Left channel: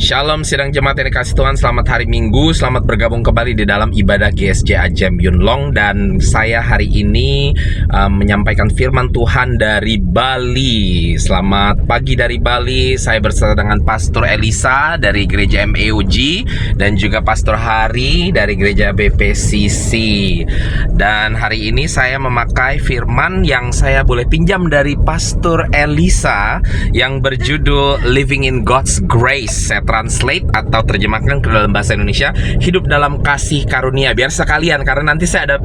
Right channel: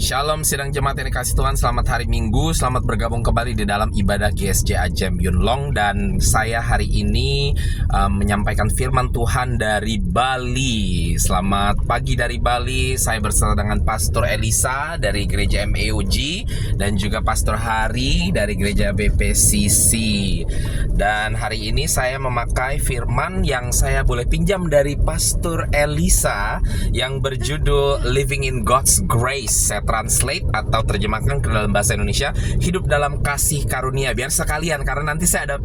Shalom sidang jemaat yang dikasih Tuhan, selamat hari Minggu, selamat bergabung kembali di dalam ibadah GSJ Ajem Yunlong. Dan saya hari ini menyampaikan firman Tuhan dari Bali. Selamat pagi dari Bali, saya bersama dengan Pastor Elisa dari Gereja MEUG dan juga Pastor Hari dari Gereja BPCC. Dan hari ini saya memakai firman yang saya boleh pinjam dari Pastor Elisa yang berjudul Living in God's Grace. Saya translate atau terjemahkan ke dalam bahasa Indonesia, hidup dalam kasih karunia. Biar sekalian, karena nanti saya ada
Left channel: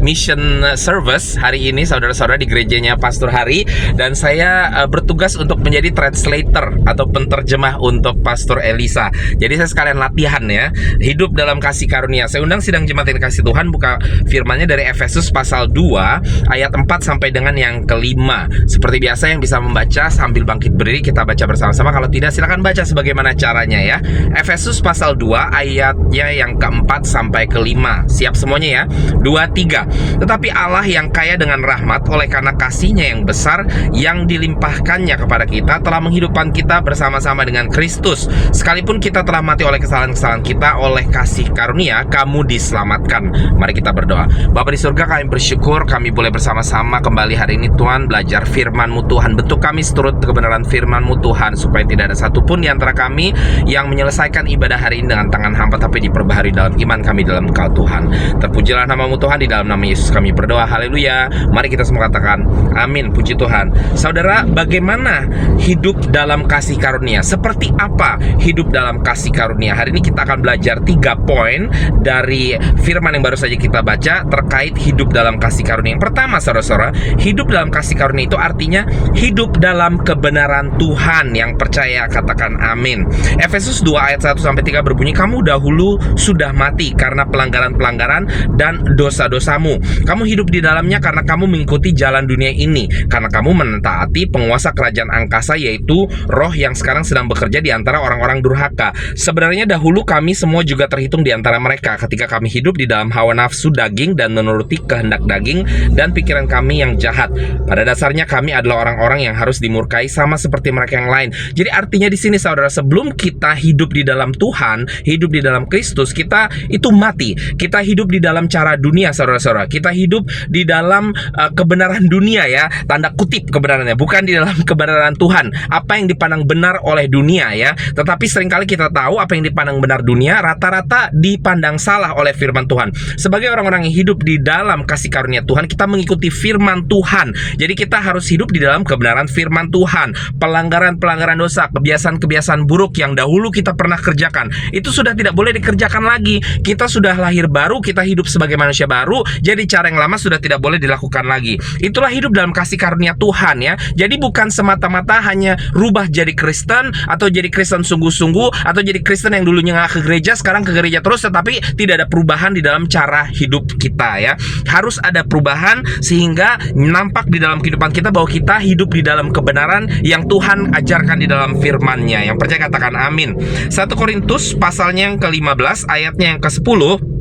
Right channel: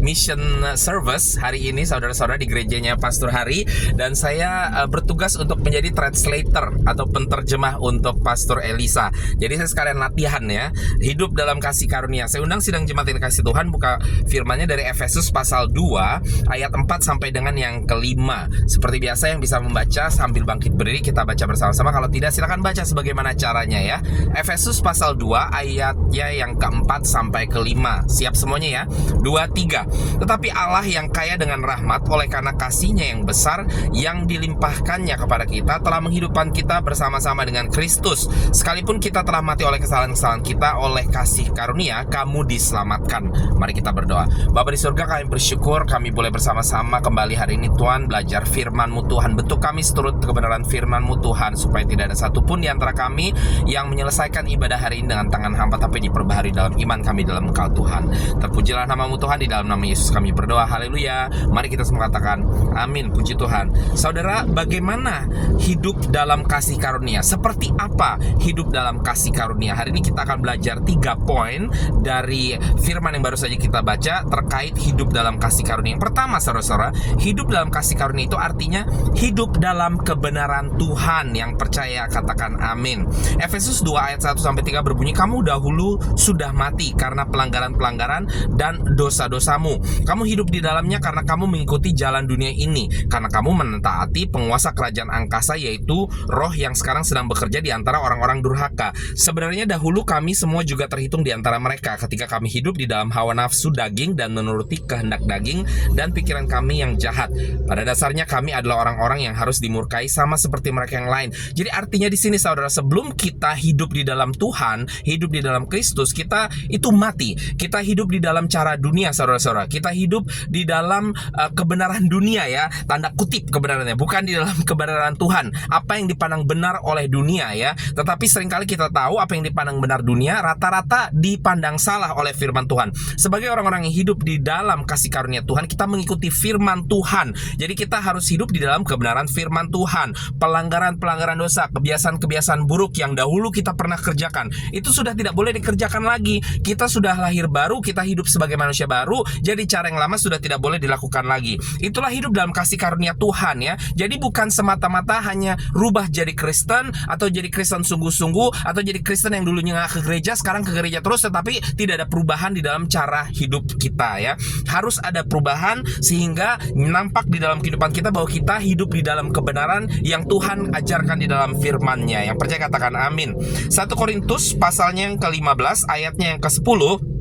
mission service hari ini saudara-saudara di gerejanya Pastor Hari, dan saya bertugas untuk menjadi translator atau penterjemah untuk Pastor Elisa. Jadi saya sekalian latihan ya, hidup dalam kasih karunia. Saya undang sidang jemaat yang kasih Tuhan buka firmannya dari Efesus pasal 2 ayat 4 sampai dengan yang kelima. Seperti biasa yang bisa membaca sambil bangkit berdiri kita baca bersama-sama. Kalau tidak silakan baca sebagaimana caranya ya. Efesus pasal 2 ayatnya yang keempat sampai kelima. Siap semuanya ya? 2, 3. Tetapi Allah yang kaya dengan rahmat oleh karena kasih-Nya yang besar yang dilimpahkannya kepada kita telah menghidupkan kita bersama-sama dengan Kristus. Sekalipun kita telah mati oleh kesalahan-kesalahan kita, oleh kasih karunia kamu diselamatkan. Mari kita berdoa. Bapa di surga, kami bersyukur kami boleh bersama-sama kembali hari ini Tuhan, belajar firman-Mu Tuhan. Bentuk kami seturut kebenaran firman-Mu Tuhan, supaya tidak ada satupun di antara kami yang menyelesaikan ibadah hari ini dengan tangan hampa, tapi diperbaharui dalam iman kami dalam Engkau Tuhan. Terpujilah nama-Mu Tuhan, di dalam nama Yesus kami berdoa, haleluya. Mari kita semua katakan amin, puji Tuhan. Saudara, bagaimana hidup dalam kasih karunia? Seperti apa hidup dalam kasih karunia? Hari ini kita akan belajar 3 poin dari firman yang baru saja kita baca terkait hidup dalam kasih karunia. Yang pertama, saudara-saudara, hidup dalam kasih karunia itu artinya hidup dalam kebenaran Tuhan. Yang percaya katakan amin. Efesus 2 ayat 1-3 berbunyi, kamu dahulu sudah mati karena pelanggaran-pelanggaran dan dosa-dosamu. Kamu hidup di dalamnya karena kamu mengikuti jalan dunia ini, karena kamu mentaati penguasa kerajaan angkasa, yaitu roh yang sekarang sedang bekerja di antara orang-orang durhaka. Sebenarnya dahulu kami semua juga terhitung di antara mereka ketika kami hidup di dalam hawa nafsu daging dan menuruti kehendak daging dan pikiran kami yang jahat. Pada dasarnya kami adalah orang-orang yang harus dimurkai sama seperti mereka yang lain. Jadi artinya di sini saudara, sebelum kita hidup di dalam Tuhan, hidup di dalam Kristus, kita itu mati. Kita hidup di dalam cara dunia, saudara-saudara. Kita hidup di dalam kebenaran dunia ya, tanda kutip kebenarannya, bukan di dalam kebenaran Tuhan. Apa yang dipandang benar oleh dunia ya. Tetapi seringkali kita tahu apa yang dipandang benar dunia rata-rata dipandang salah oleh firman Tuhan. Sebagai orang-orang yang hidup di dalam kasih karunia Tuhan, kita mengikuti firman Tuhan. Jadi kita harus hidup di dalam kebenaran firman Tuhan. Pelanggaran-pelanggaran dosa, kebiasaan-kebiasaan buruk yang dahulu kita pernah kerjakan, itu sudah tidak boleh dikerjakan lagi. Kita sudah lahir baru, kita hidup sebagai manusia baru, jadi cara yang lama sudah tidak boleh dilakukan lagi. Itulah hidup dalam kasih karunia Tuhan ya. Jadi bukan semata-mata hanya rubah jadi Kristen, atau jadi Kristen sungguh-sungguh, atau jadi Kristen yang dulunya nggak ke gereja, sekarang ke gereja terus, tetapi tidak ada perubahan di dalam cara hidup kita ya. Harus ada perubahan sehingga nampak di dalam kehidupan kita bahwa kita hidup di dalam kebenaran yang Tuhan ajarkan di dalam firman-Nya. Yang percaya katakan amin. 1 Korintus pasalnya yang ke-15 ayatnya yang ke-10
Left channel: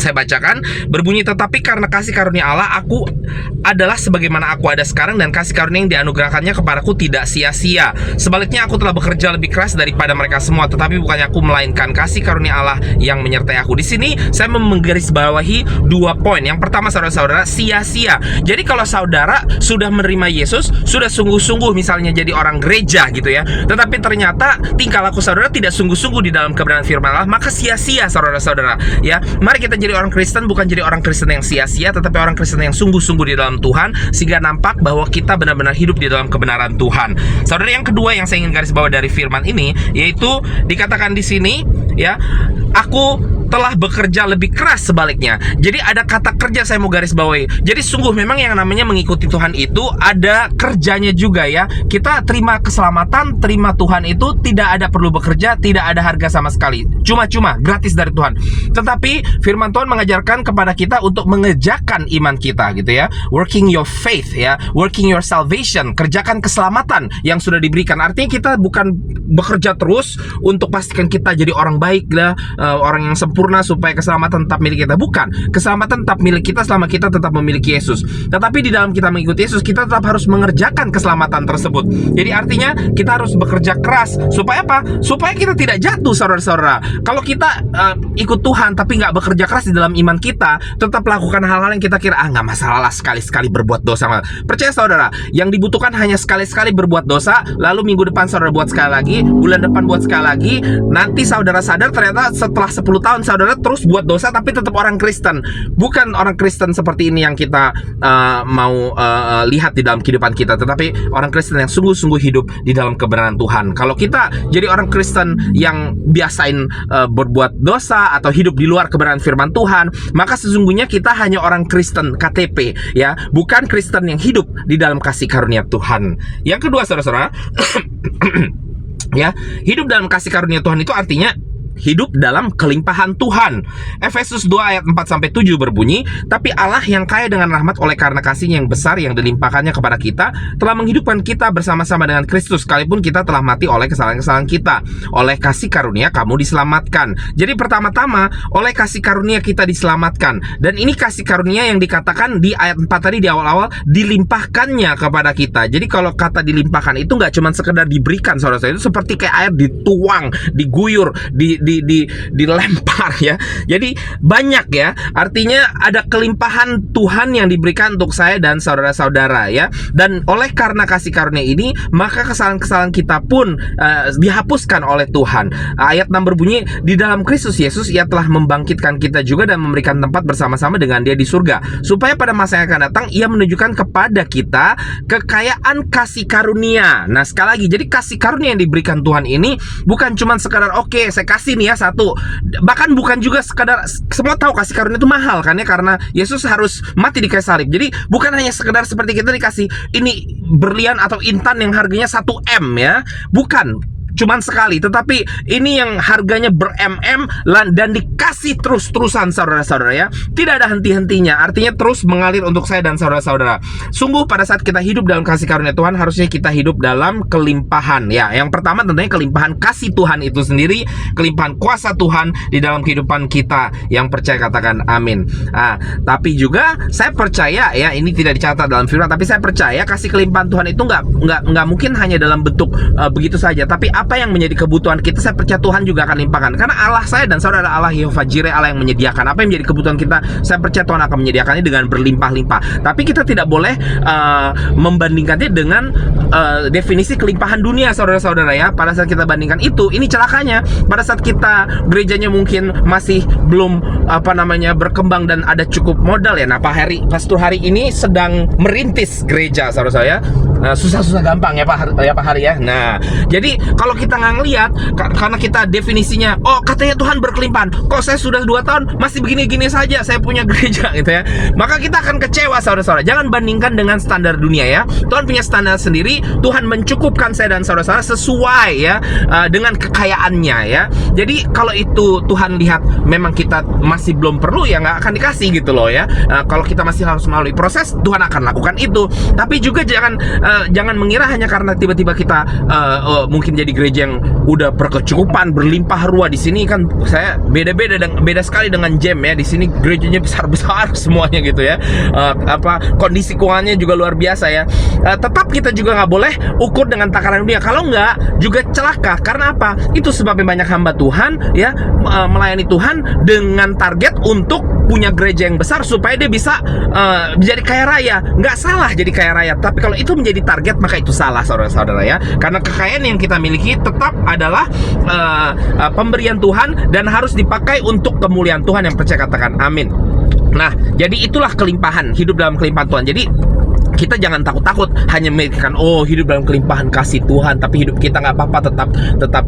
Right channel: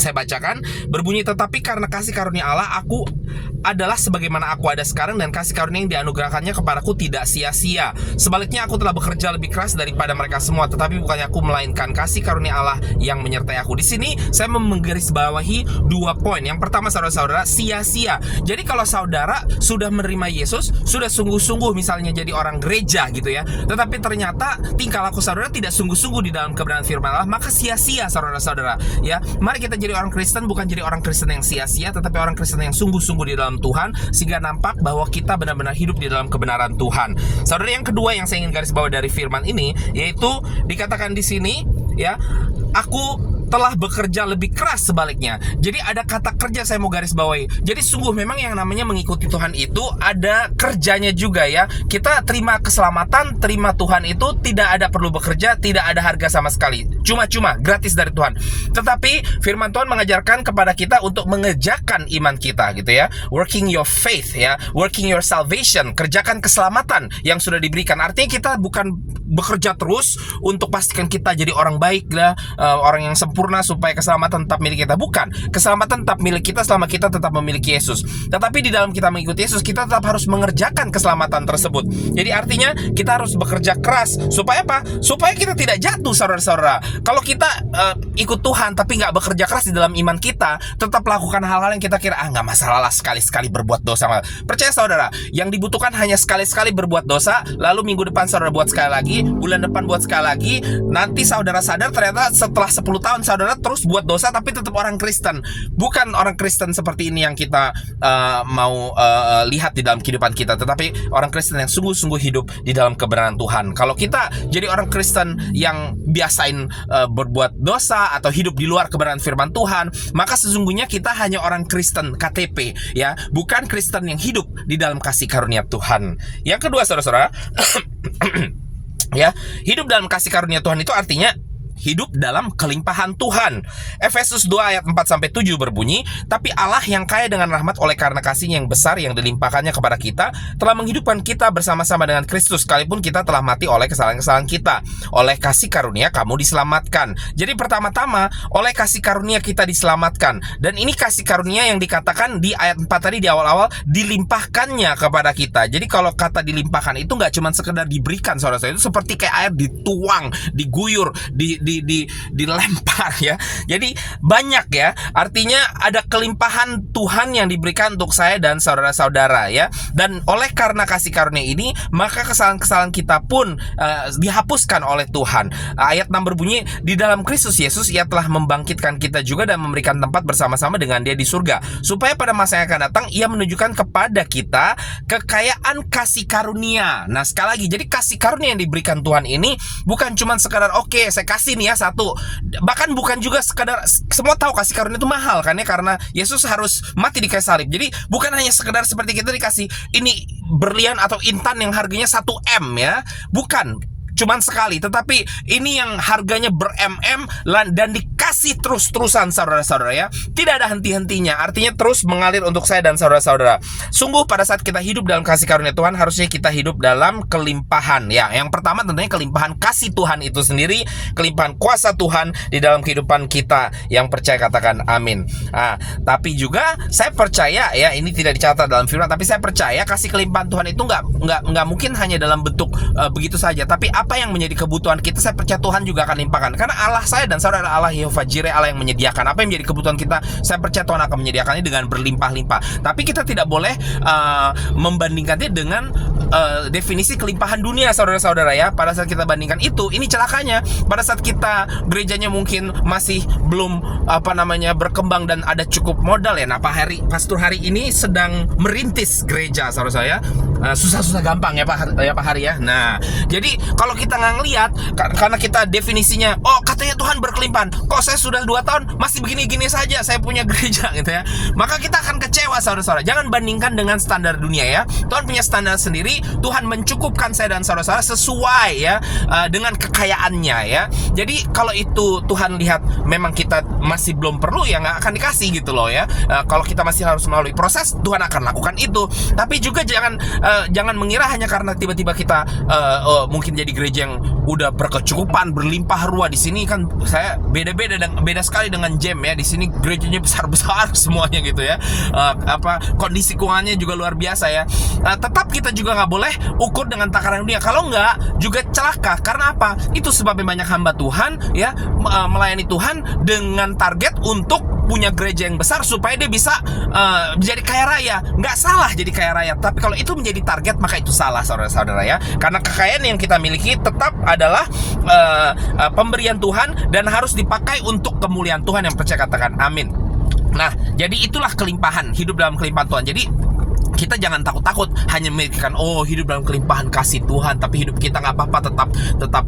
saya bacakan, berbunyi, tetapi karena kasih karunia Allah aku adalah sebagaimana aku ada sekarang, dan kasih karunia yang dianugerahkannya kepadaku tidak sia-sia. Sebaliknya aku telah bekerja lebih keras daripada mereka semua, tetapi bukannya aku, melainkan kasih karunia Allah yang menyertai aku. Di sini saya menggarisbawahi 2 poin. Yang pertama, saudara-saudara, sia-sia. Jadi kalau saudara sudah menerima Yesus, sudah sungguh-sungguh misalnya jadi orang gereja gitu ya, tetapi ternyata tingkah laku saudara tidak sungguh-sungguh di dalam kebenaran firman Allah, maka sia-sia saudara-saudara ya. Mari kita jadi orang Kristen, bukan jadi orang Kristen yang sia-sia, tetapi orang Kristen yang sungguh-sungguh di dalam Tuhan, sehingga nampak bahwa kita benar-benar hidup di dalam kebenaran Tuhan. Saudara, yang kedua yang saya ingin garis bawah dari firman ini, yaitu dikatakan di sini ya, aku telah bekerja lebih keras. Sebaliknya, jadi ada kata kerja saya mau garis bawahi. Jadi sungguh memang yang namanya mengikuti Tuhan itu ada kerjanya juga ya. Kita terima keselamatan, terima Tuhan itu tidak ada perlu bekerja, tidak ada harga sama sekali, cuma-cuma gratis dari Tuhan. Tetapi firman Tuhan mengajarkan kepada kita untuk mengerjakan iman kita gitu ya, working your faith ya, working your salvation, kerjakan keselamatan yang sudah diberikan. Artinya kita bukan bekerja terus untuk pastikan kita jadi orang baik lah, orang yang sempurna sempurna supaya keselamatan tetap milik kita. Bukan, keselamatan tetap milik kita selama kita tetap memiliki Yesus. Tetapi di dalam kita mengikuti Yesus, kita tetap harus mengerjakan keselamatan tersebut. Jadi artinya kita harus bekerja keras. Supaya apa? Supaya kita tidak jatuh, saudara-saudara. Kalau kita ikut Tuhan tapi nggak bekerja keras di dalam iman kita, tetap lakukan hal-hal yang kita kira nggak masalah lah, sekali-sekali berbuat dosa. Percaya saudara, yang dibutuhkan hanya sekali-sekali berbuat dosa, lalu minggu depan saudara buat sekali lagi, bulan depan buat sekali lagi. Nanti saudara sadar ternyata setelah 10 tahun saudara terus buat dosa tapi tetap orang Kristen. Bukan orang Kristen seperti ini yang kita mau lihat di dalam kehidupan kita, tetapi orang Kristen yang sungguh-sungguh hidup di dalam kebenaran Tuhan. Kalau kita jadi orang Kristen yang biasain berbuat dosa atau hidup di luar kebenaran firman Tuhan, maka sesungguhnya kita hanya orang Kristen KTP, ya, bukan Kristen yang hidup di dalam kasih karunia Tuhan. Yang kedua, saudara-saudara, ya, hidup dalam kasih karunia Tuhan itu artinya hidup dalam kelimpahan Tuhan. Efesus 2 ayat 4-7 berbunyi, "Tapi Allah yang kaya dengan rahmat oleh karena kasih-Nya yang besar yang dilimpahkannya kepada kita, telah menghidupkan kita bersama-sama dengan Kristus, sekalipun kita telah mati oleh kesalahan-kesalahan kita. Oleh kasih karunia kamu diselamatkan." Jadi pertama-tama, oleh kasih karunia kita diselamatkan. Dan ini kasih karunia yang dikatakan di ayat 4 tadi di awal-awal, dilimpahkannya kepada kita. Jadi kalau kata dilimpahkan itu nggak cuma sekedar diberikan, saudara-saudara, itu seperti kayak air dituang, diguyur, dilempar, ya. Jadi banyak, ya. Artinya ada kelimpahan Tuhan yang diberikan untuk saya dan saudara-saudara, ya. Dan oleh karena kasih karunia ini, maka kesalahan-kesalahan kita pun dihapuskan oleh Tuhan. Ayat 6 berbunyi, "Di dalam Kristus Yesus Ia telah membangkitkan kita juga dan memberikan tempat bersama-sama dengan Dia di surga, supaya pada masa yang akan datang Ia menunjukkan kepada kita kekayaan kasih karunia." Nah, sekali lagi, jadi kasih karunia yang diberikan Tuhan ini bukan cuma sekadar oke, saya kasih nih ya satu. Bahkan bukan juga sekadar, semua tahu kasih karunia itu mahal kan ya, karena Yesus harus mati di kayu salib. Jadi bukan hanya sekedar seperti kita dikasih ini berlian atau intan yang harganya 1 M, ya. Bukan cuman sekali, tetapi ini yang harganya ber-MM dan dikasih terus-terusan, saudara-saudara, ya. Tidak ada henti-hentinya, artinya terus mengalir untuk saya dan saudara-saudara. Sungguh pada saat kita hidup dalam kasih karunia Tuhan, harusnya kita hidup dalam kelimpahan, ya. Yang pertama tentunya kelimpahan kasih Tuhan itu sendiri, kelimpahan kuasa Tuhan di dalam kehidupan kita. Yang percaya katakan amin. Tapi juga saya percaya, ya, ini tidak dicatat dalam firman, tapi saya percaya kasih kelimpahan Tuhan itu nggak mungkin hanya dalam bentuk begitu saja, tapi apa yang menjadi kebutuhan kita, saya percaya Tuhan juga akan limpahkan. Karena Allah saya dan saudara Allah Yehova Jireh, Allah yang menyediakan. Apa yang menjadi kebutuhan kita, saya percaya Tuhan akan menyediakannya dengan berlimpah-limpah. Tapi kita tidak boleh membandingkannya dengan definisi kelimpahan dunia, saudara-saudara, ya. Pada saat kita bandingkan itu, ini celakanya. Pada saat kita gerejanya mungkin masih belum berkembang dan ada cukup modal, ya. Nah, Pastor Hari ini sedang merintis gereja, saudara saya. Susah-susah gampang, ya Pak Hari, ya. Nah, jadi kalau kita nggak ngelihat, karena kita definisinya, oh katanya Tuhan berkelimpahan, kok saya sudah 2 tahun masih begini-gini saja saya punya gereja, gitu ya. Maka kita akan kecewa, saudara-saudara. Jangan bandingkan dengan standar dunia, ya. Tuhan punya standar sendiri. Tuhan mencukupkan saya dan saudara-saudara sesuai, ya, dengan kekayaannya, ya. Jadi kalau itu Tuhan lihat memang kita masih belum perlu, ya nggak akan dikasih, gitu loh, ya. Kalau kita masih harus melalui proses, Tuhan akan lakukan itu. Tapi juga jangan mengira hanya karena tiba-tiba kita mungkin jadi gereja yang udah berkecukupan, berlimpah ruah. Di sini kan saya beda sekali dengan Gem, ya. Di sini gerejanya besar-besar semuanya, gitu ya. Kondisi keuangannya juga luar biasa, ya. Tetap kita juga nggak boleh ukur dengan takaran dunia. Kalau nggak, juga celaka. Karena apa? Itu sebabnya banyak hamba Tuhan, ya, melayani Tuhan dengan target untuk punya gereja yang besar supaya dia bisa jadi kaya raya. Nggak salah jadi kaya raya, tapi kalau itu menjadi target, maka itu salah, saudara-saudara, ya. Karena kekayaan yang kita miliki tetap adalah pemberian Tuhan dan harus dipakai untuk kemuliaan Tuhan. Yang percaya katakan amin. Nah, jadi itulah kelimpahan, hidup dalam kelimpahan Tuhan. Jadi kita jangan takut-takut hanya memikirkan, oh hidup dalam kelimpahan kasih Tuhan, tapi hidup kita nggak apa-apa, tetap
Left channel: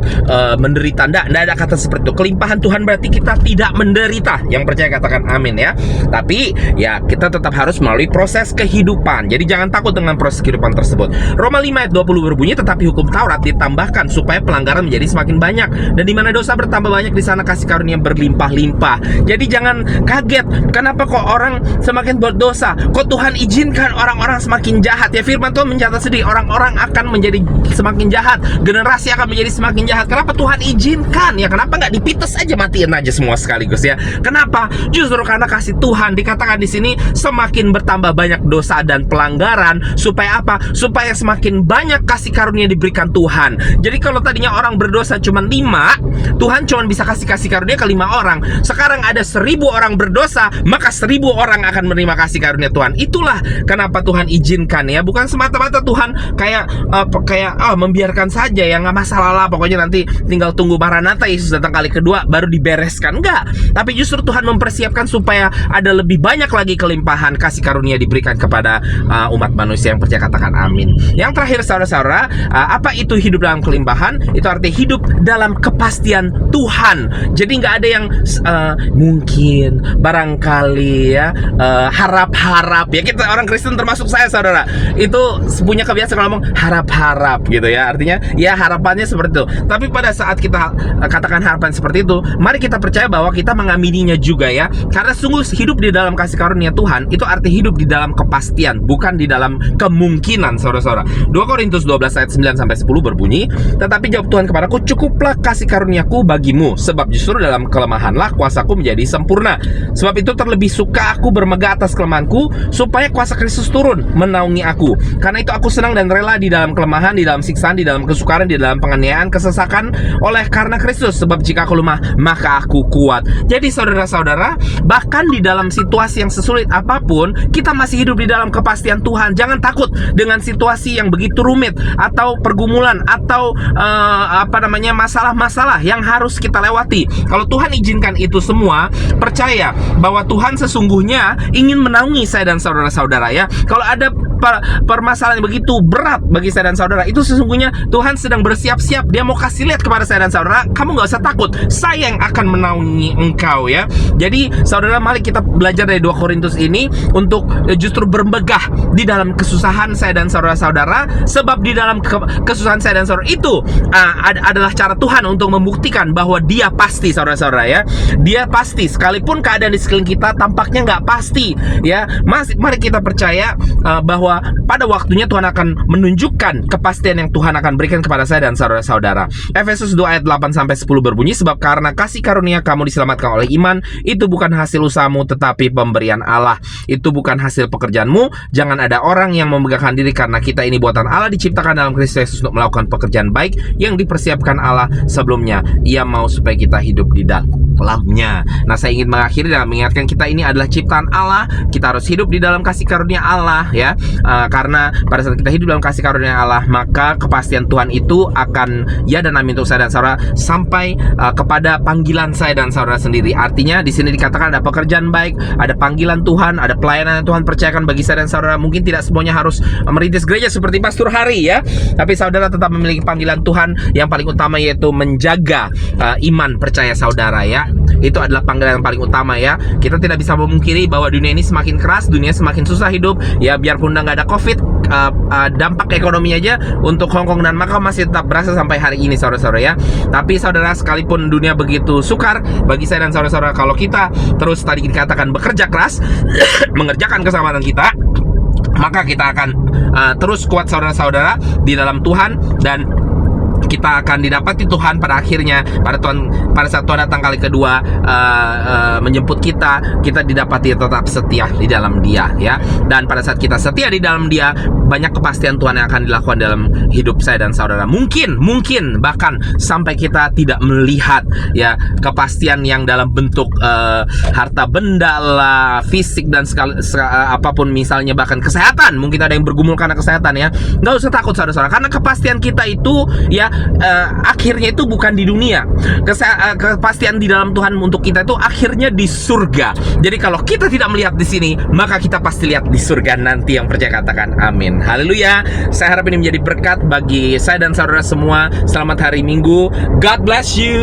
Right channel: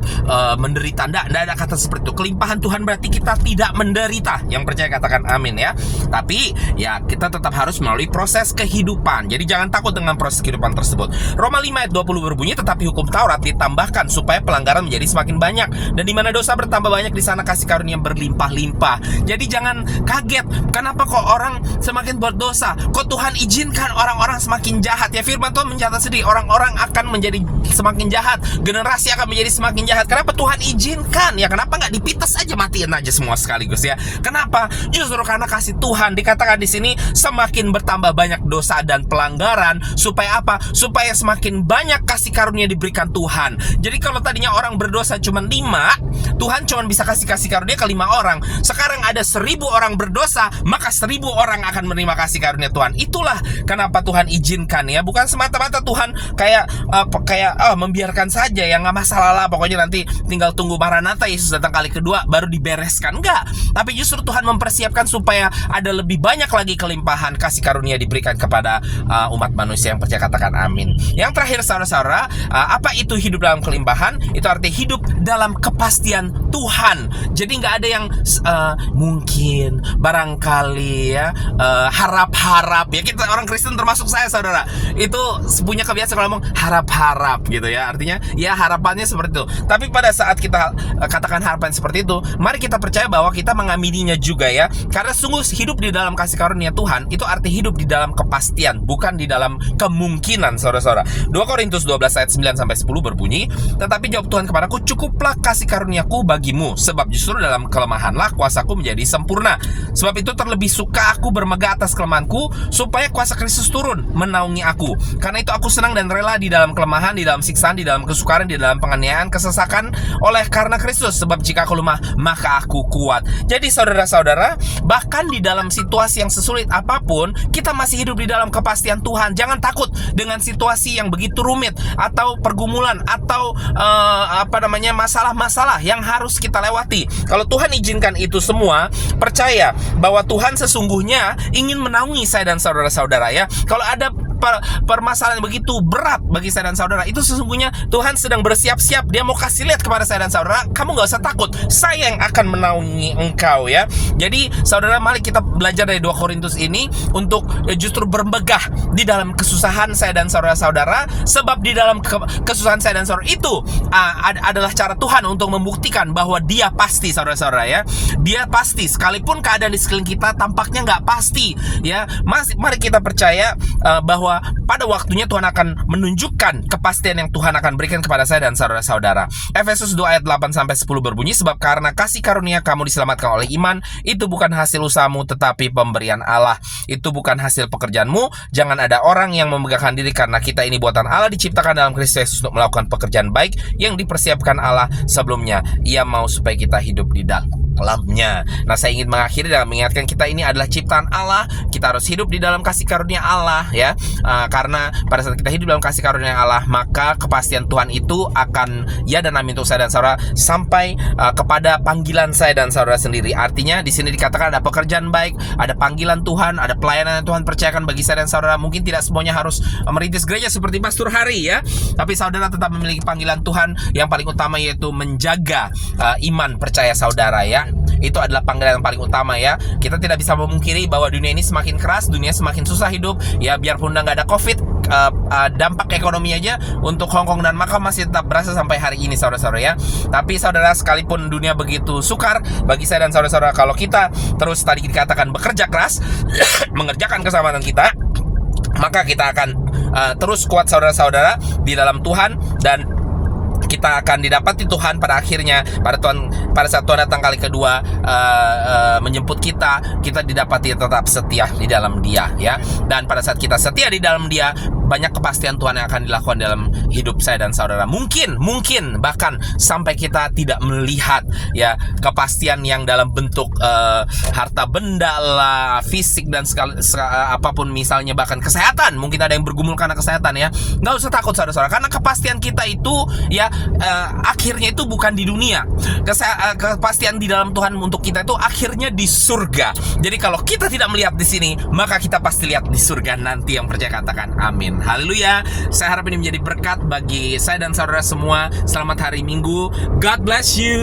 menderita. Nggak ada kata seperti itu. Kelimpahan Tuhan berarti kita tidak menderita. Yang percaya katakan amin, ya. Tapi ya kita tetap harus melalui proses kehidupan. Jadi jangan takut dengan proses kehidupan tersebut. Roma 5 ayat 20 berbunyi, tetapi hukum Taurat ditambahkan supaya pelanggaran menjadi semakin banyak, dan di mana dosa bertambah banyak, di sana kasih karunia berlimpah-limpah. Jadi jangan kaget, kenapa kok orang semakin berdosa, kok Tuhan izinkan orang-orang semakin jahat. Ya, firman Tuhan mencatat sendiri, orang-orang akan menjadi semakin jahat, generasi akan menjadi semakin jahat. Kenapa Tuhan izinkan? Ya, kenapa nggak dipites aja, matiin aja semua sekaligus ya? Kenapa? Justru karena kasih Tuhan. Dikatakan di sini semakin bertambah banyak dosa dan pelanggaran, supaya apa? Supaya semakin banyak kasih karunia diberikan Tuhan. Jadi kalau tadinya orang berdosa cuma 5, Tuhan cuma bisa kasih karunia ke 5 orang. Sekarang ada 1000 orang berdosa, maka 1000 orang akan menerima kasih karunia Tuhan. Itulah kenapa Tuhan izinkan ya. Bukan semata-mata Tuhan kayak membiarkan saja ya, nggak masalah lah, pokoknya nanti tinggal tunggu Maranatha, Yesus datang kali kedua baru dibereskan. Enggak. Tapi justru Tuhan mempersiapkan supaya ada lebih banyak lagi kelimpahan kasih karunia diberikan kepada umat manusia yang percaya. Katakan amin. Yang terakhir saudara-saudara, apa itu hidup dalam kelimpahan? Itu artinya hidup dalam kepastian Tuhan. Jadi nggak ada yang mungkin, barangkali ya, harap-harap ya. Kita orang Kristen termasuk saya saudara, itu punya kebiasaan kalau ngomong harap-harap gitu ya. Artinya ya harapannya seperti itu. Tapi pada saat kita katakan harapan seperti itu, mari kita percaya bahwa kita mengamininya juga ya. Karena sungguh hidup di dalam kasih karunia Tuhan itu arti hidup di dalam kepastian, bukan di dalam kemungkinan saudara-saudara. 2 Korintus 12 ayat 9 sampai 10 berbunyi, tetapi jawab Tuhan kepadaku, cukuplah kasih karuniaku bagimu, sebab justru dalam kelemahanlah kuasaku menjadi sempurna. Sebab itu terlebih suka aku bermegah atas kelemahanku, supaya kuasa Kristus turun menaungi aku. Karena itu aku senang dan rela di dalam kelemahan, di dalam siksaan, di dalam kesukaran, di dalam penganiayaan, kesesakan oleh karena Kristus. Sebab jika aku lemah, maka aku kuat. Jadi saudara-saudara, bahkan di dalam situasi yang sesulit apapun, kita masih hidup di dalam kepastian Tuhan. Jangan takut dengan situasi yang begitu rumit, atau pergumulan, atau masalah-masalah yang harus kita lewati. Kalau Tuhan izinkan itu semua, percaya bahwa Tuhan sesungguhnya ingin menaungi saya dan saudara-saudara ya. Kalau ada permasalahan yang begitu berat bagi saya dan saudara, itu sesungguhnya Tuhan sedang bersiap-siap. Dia mau kasih lihat kepada saya dan saudara, kamu gak usah takut, saya yang akan menaungi engkau ya. Jadi saudara, mari kita belajar dari 2 Korintus ini untuk justru bermegah di dalam kesusahan saya dan saudara-saudara. Sebab di dalam kesusahan saya dan saudara itu adalah cara Tuhan untuk membuktikan bahwa Dia pasti saudara-saudara ya. Dia pasti, sekalipun keadaan di sekeliling kita tampaknya gak pasti ya. Mari kita percaya bahwa pada waktunya Tuhan akan menunjukkan kepastian yang Tuhan akan berikan kepada saya dan saudara-saudara. Efesus 2 ayat 8 sampai 10 berbunyi, sebab karena kasih karunia kamu diselamatkan oleh iman, itu bukan hasil usahamu tetapi pemberian Allah. Itu bukan hasil pekerjaanmu. Jangan ada orang yang memegahkan diri, karena kita ini buatan Allah, diciptakan dalam Kristus Yesus untuk melakukan pekerjaan baik yang dipersiapkan Allah sebelumnya. Ia mau supaya kita hidup di dalamnya. Nah, saya ingin mengakhiri dengan mengingatkan kita ini adalah ciptaan Allah. Kita harus hidup di dalam kasih karunia Allah ya. Karena pada saat kita hidup dalam kasih karunia Allah, maka kepastian Tuhan itu akan ya dan amin untuk saya dan saudara sampai kepada panggilan saya dan saudara sendiri. Artinya di sini dikatakan ada pekerjaan baik, ada panggilan Tuhan, ada pelayanan yang Tuhan percayakan bagi saya dan saudara. Mungkin tidak semuanya harus merintis gereja seperti Pastor Hari ya, tapi saudara tetap memiliki panggilan Tuhan yang paling utama, yaitu menjaga iman percaya saudara ya. Itu adalah panggilan yang paling utama ya. Kita tidak bisa memungkiri bahwa dunia ini semakin keras, dunia semakin susah hidup ya. Biarpun udah nggak ada COVID, dampak ekonomi aja untuk Hong Kong dan Macau masih tetap berasa sampai hari ini saudara-saudara ya. Tapi saudara, sekalipun dunia begitu sukar, bagi saya dan saudara-saudara, kalau kita terus tadi dikatakan bekerja keras mengerjakan keselamatan kita, maka kita akan terus kuat saudara-saudara di dalam Tuhan, dan kita akan didapati Tuhan pada akhirnya. Pada saat Tuhan datang kali kedua menjemput kita didapati tetap setia di dalam Dia ya. Dan pada saat kita setia di dalam Dia, banyak kepastian Tuhan yang akan dilakukan dalam hidup saya dan saudara. Mungkin bahkan sampai kita tidak melihat ya kepastian yang dalam bentuk harta benda lah, fisik dan apapun misalnya, bahkan kesehatan. Mungkin ada yang bergumul karena kesehatan ya. Nggak usah takut saudara-saudara, karena kepastian kita itu ya akhirnya itu bukan di dunia. Kepastian di dalam Tuhan untuk kita itu akhirnya di surga. Jadi kalau kita tidak melihat di sini, maka kita pasti lihat di surga nanti. Yang percaya katakan amin. Haleluya. Saya harap ini menjadi berkat bagi saya dan saudara semua. Selamat hari Minggu. God bless you.